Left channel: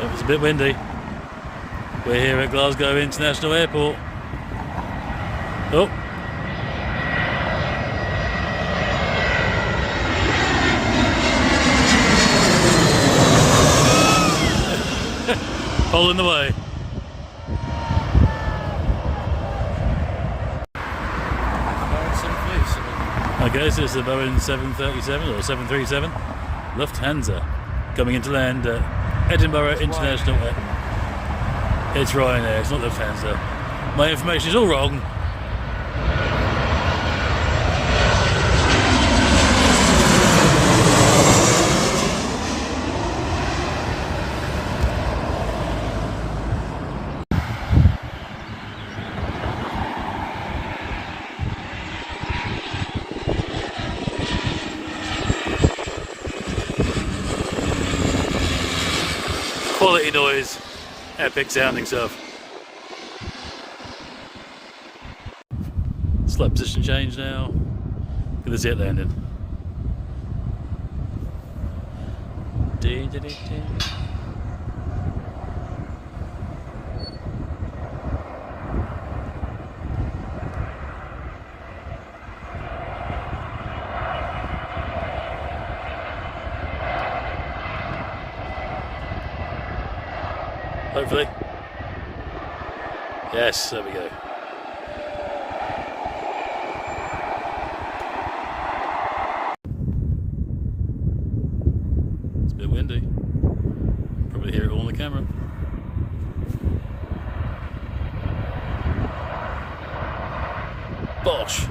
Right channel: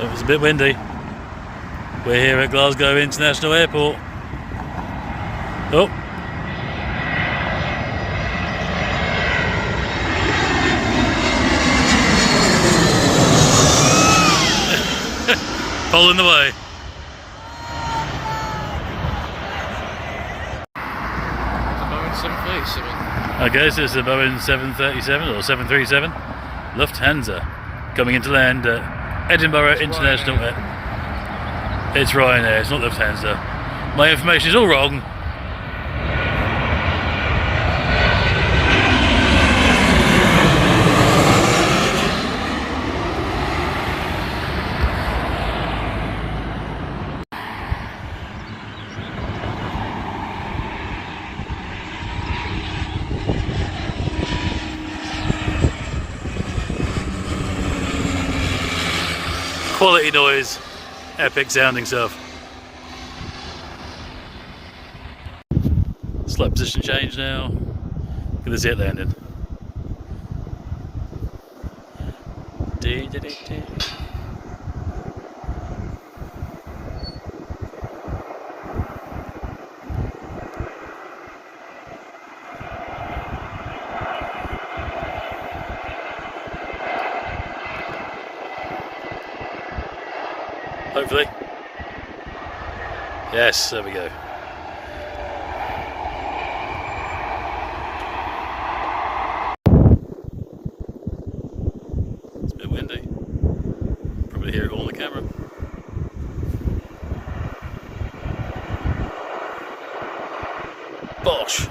It was a bit windy. We're here at Glasgow International Airport. Oh. Pole in the way. Okay, so it's a Boeing 737 or 737 Lufthansa coming into land at Edinburgh International Airport. It's Ryanair, it's not Lufthansa. My information is all wrong. Quality noise, epic sounding stuff. Slight position change now. Gonna see it landing. Hopefully. Yes, there we go. It's a bit windy. Probably hear it all on the camera. Bosh!